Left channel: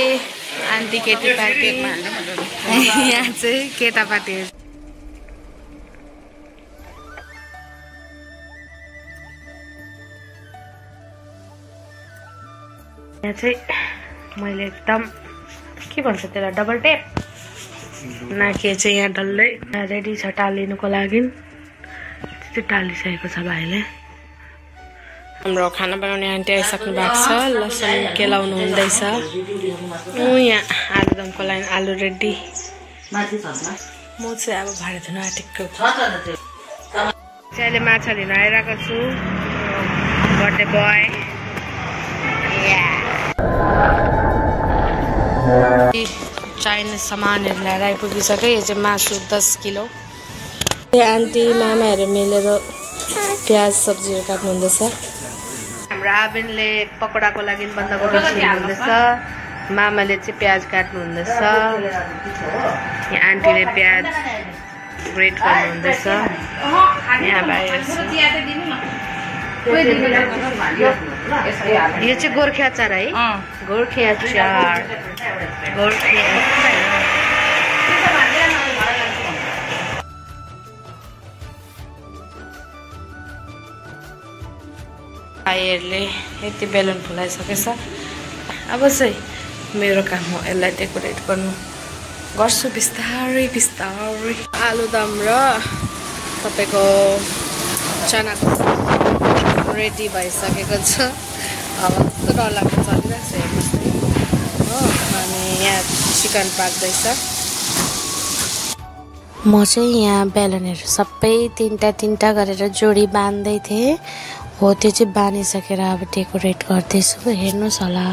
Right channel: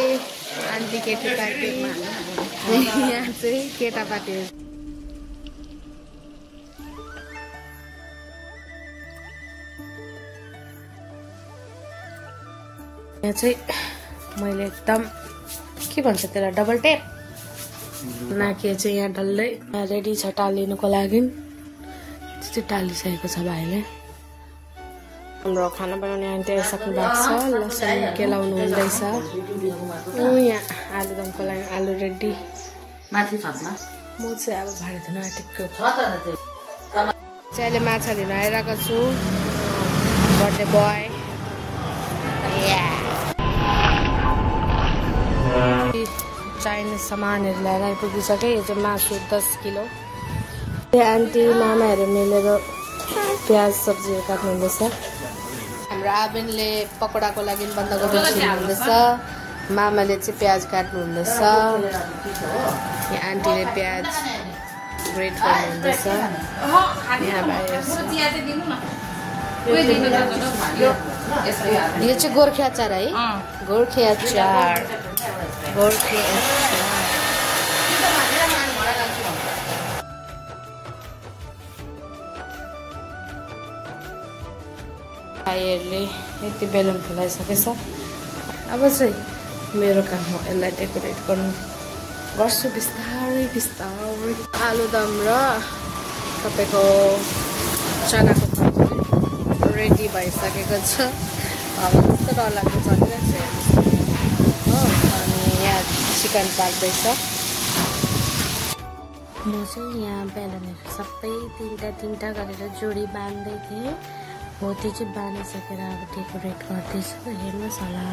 Aunty केटीपाटी यहाँ चाहिँ केटापाटी यहाँ चाहिँ मैले एकदम के भन्छ त्यसलाई डबल टेप नाके चाहिँ यहाँ डल्लै रेडी छ टालिनुको लागि चाहिँ टालिसकेको छ भाइले हाम्रो खाना बनाउने आन्टी आइसक्नु भएको छ लसुन केलाउनु हुँदैछ यहाँ आलुदमको लागि आलु रेडी म चाहिँ अब भाँडा धुन आँटेको अहिले माछा दिन आइरहेको छु बर्थडे बोय चाइनिज सामानहरू ल्याएर आइपुगिसक्यो यो चाहिँ मासु 10 किलो आन्टी मामाहरू मिलेर प्याज सब्जीहरू काट्नु हुँदैछ हाम्रो आबेनले पकोडाको लागि बन्दाकोपी छिल्नुहुँदैछ मामाले चाहिँ प्याज काट्नु हुँदैछ यहाँ आन्टीले प्याज ग्रेट गर्नु हुँदैछ यहाँ यो चाहिँ गोर्खे अचार है गोर्खे अचार भाइहरूले यति बेलुन फुलाइसकेछ अब चाहिँ मेरो काम हो यसलाई डेकोरेट गर्नु गर्छु बिस्तारै बिस्तारै आलुदम र तपाईँको चनाको रेडी भइसकेको छ अब कस्तो डरलाग्दो चलिरहेको छ यहाँ चिकन पाक्दैछ म चाहिँ यहाँ बेलुनहरू सबै तिनवटा गरेर जोडी बाँध्दै थिएँ हो त्यो चाहिँ बानिसकेर अब डेकोरेट गर्दैछु हेर्नुहोस् होला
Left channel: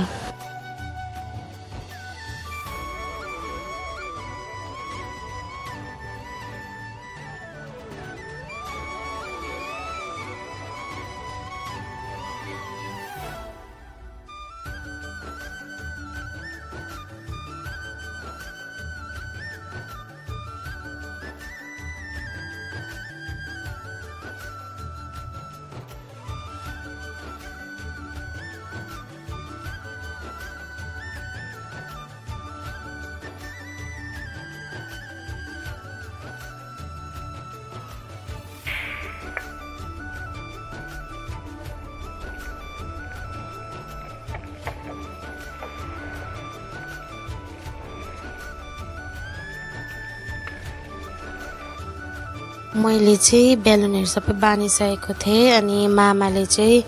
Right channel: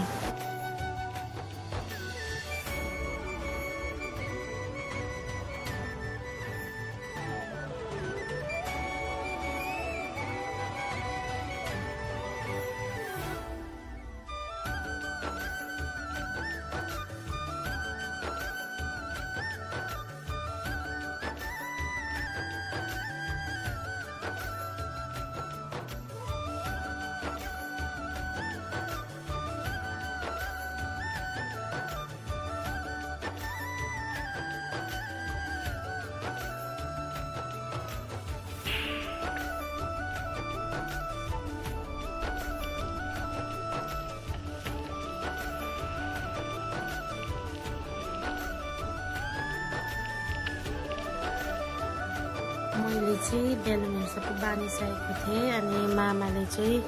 मैले चाहिँ बेलुनहरू सबै बानिसकेको थिएँ अनि मामाले चाहिँ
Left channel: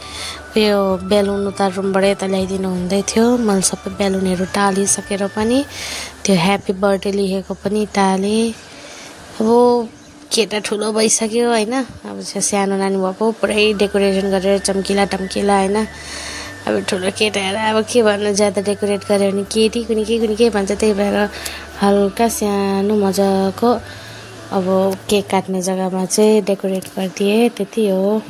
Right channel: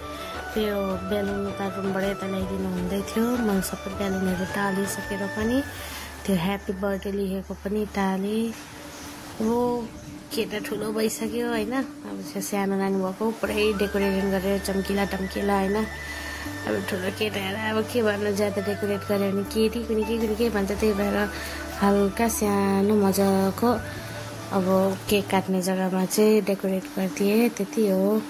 यो बेलुन उता रुमबाट यता ल्याइदिनु हुँदै थियो मैले सबै बेलुनहरू टालिसकेर पनि त्यो ह्याप्पी बर्थडे लेखेको पनि टालेँ अब केटा ठुलो भइसक्यो होइन अब सानो नानी भएको पुरै डेकोरेसन गरेर चम्किला टम्किला होइन अब ठुलो केटाहरू अब के भन्नु ज्यादा डेकोरेट गर्यो भने केटी कुनै के भन्छ त्यही भएर हल्का सानो मजाको अब केक काट्ने जग्गामा चाहिँ डेकोरेट गरिदिएँ त्यति हो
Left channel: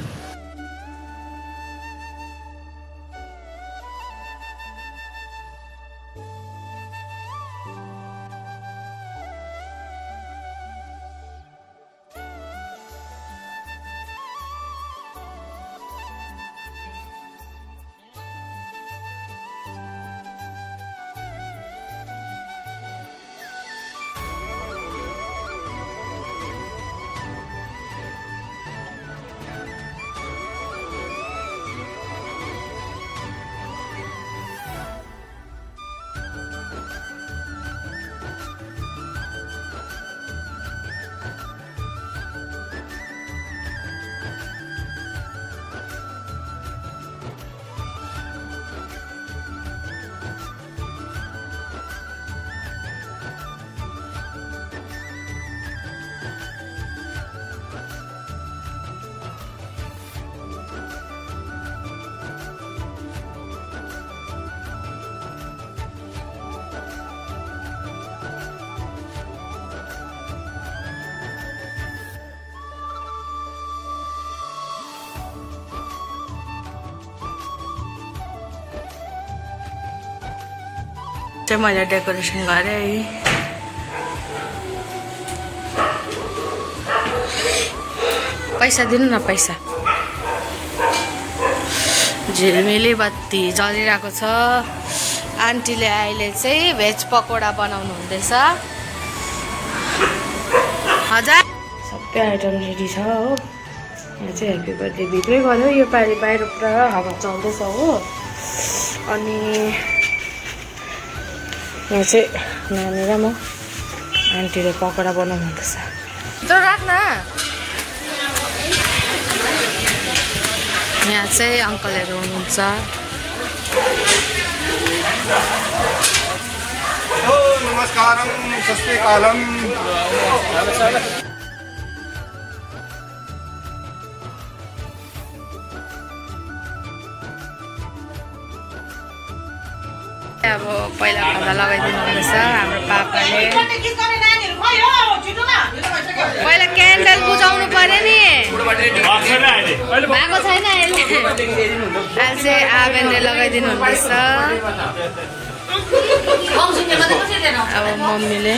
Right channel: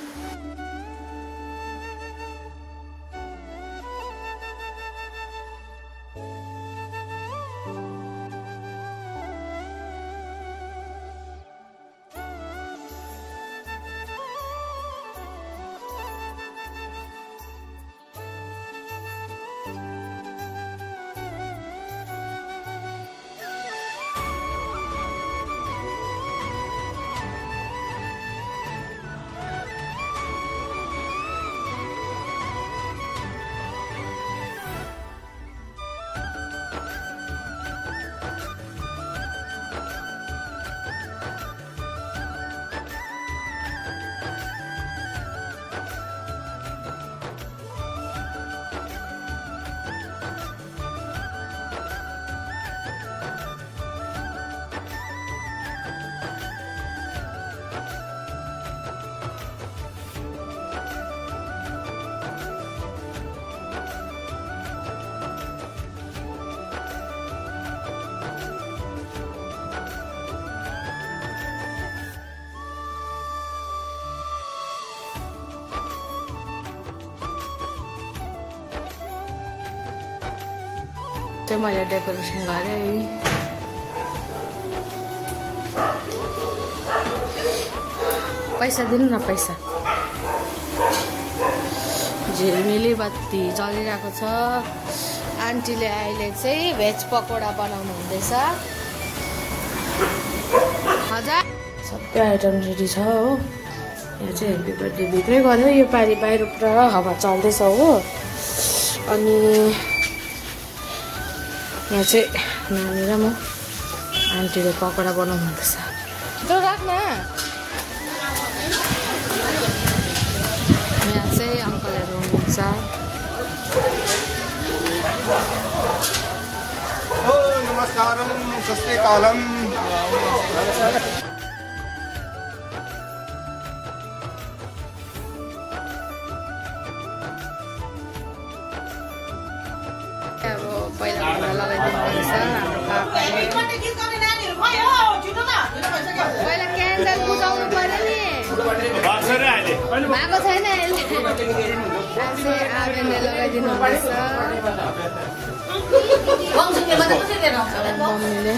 चाहिँ मैले डेकोरेसन गरेँ पैसा दिनु न पैसा झिलमिली बत्ती जलिरहेको छ आन्टीले अहिले चाहिँ भेज पकोडा बनाउनु हुँदैछ। हजार सबै आइटम रेडी छ हो। यहाँ चाहिँ ह्याप्पी बर्थडे भित्रै गऱ्यो। यो पालि बाहिर पुरा हावा चल्दैछ हो। अनि यहाँ चाहिँ नानी र म आन्टीले पकोडा बनाउनु हुँदैछ। यहाँ चाहिँ अङ्कलहरू हुनुहुन्छ। नमस्कारम सस्तेकालम। अब पहिला भन्दा लगाइदिनु रहेछ हाम्रो पापाले। पहिला क्यान्डल बुझाउनु पर्यो नि, भएको छैन अहिले। आज आवेनले लगाइदिनु हुँदैछ। अब मम्मीले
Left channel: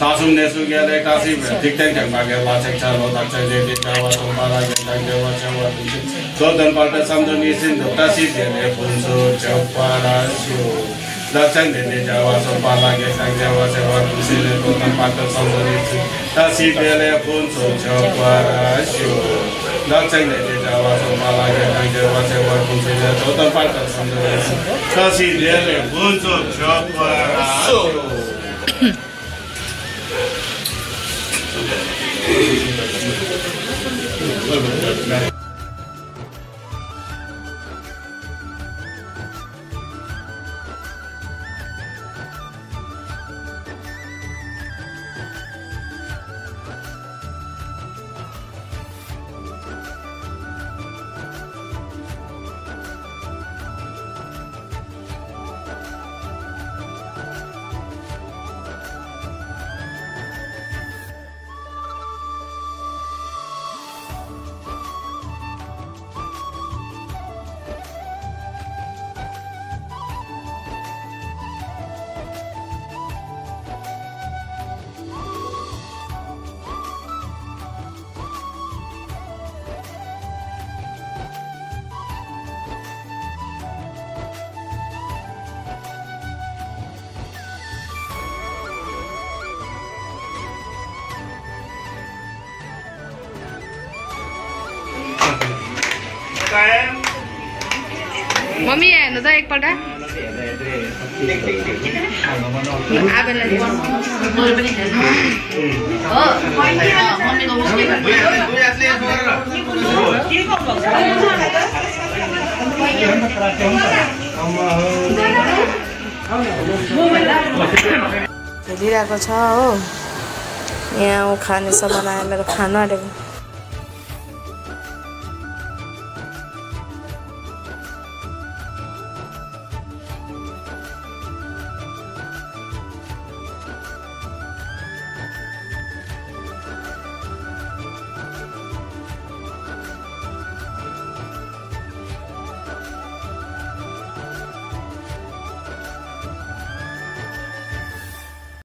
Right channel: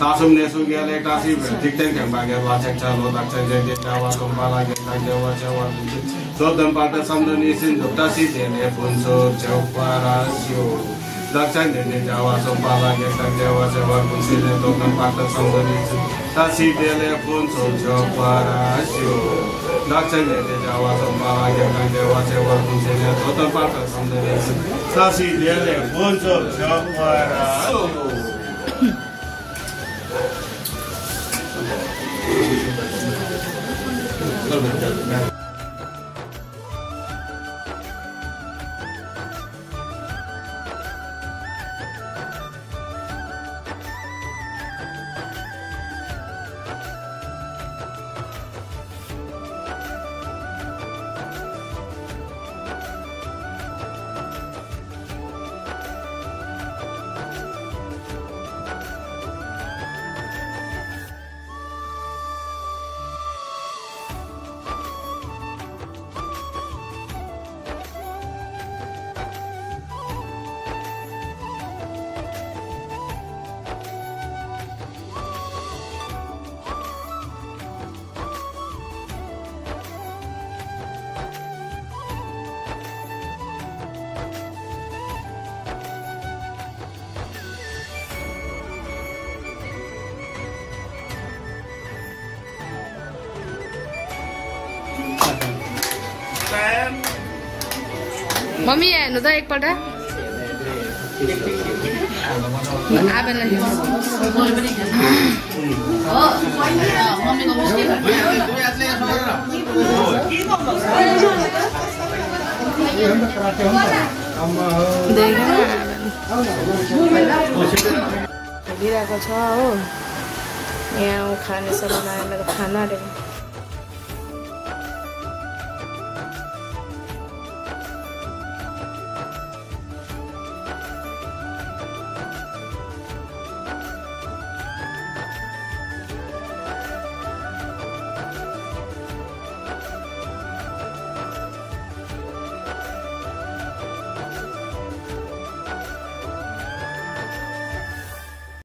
Sasum nesu gele kasi dikten yang bagai lacak calo lacak jadi jawa sambala kita jawa jawa so dan pada sambil nisin dotasi dia punso jawa sio lacak jadi jawa sambala kita jawa jawa punsil dan pada sambil nisin tasi dia punso jawa sio lacak jadi jawa sambala kita jawa jawa punsil dan pada sambil nisin tasi dia punso jawa sio. Mummy हेर्नु त एकपल्ट। हेरिरहेको छ हो। यहाँ खाने सामान आयो मेरो खाना आँटेको।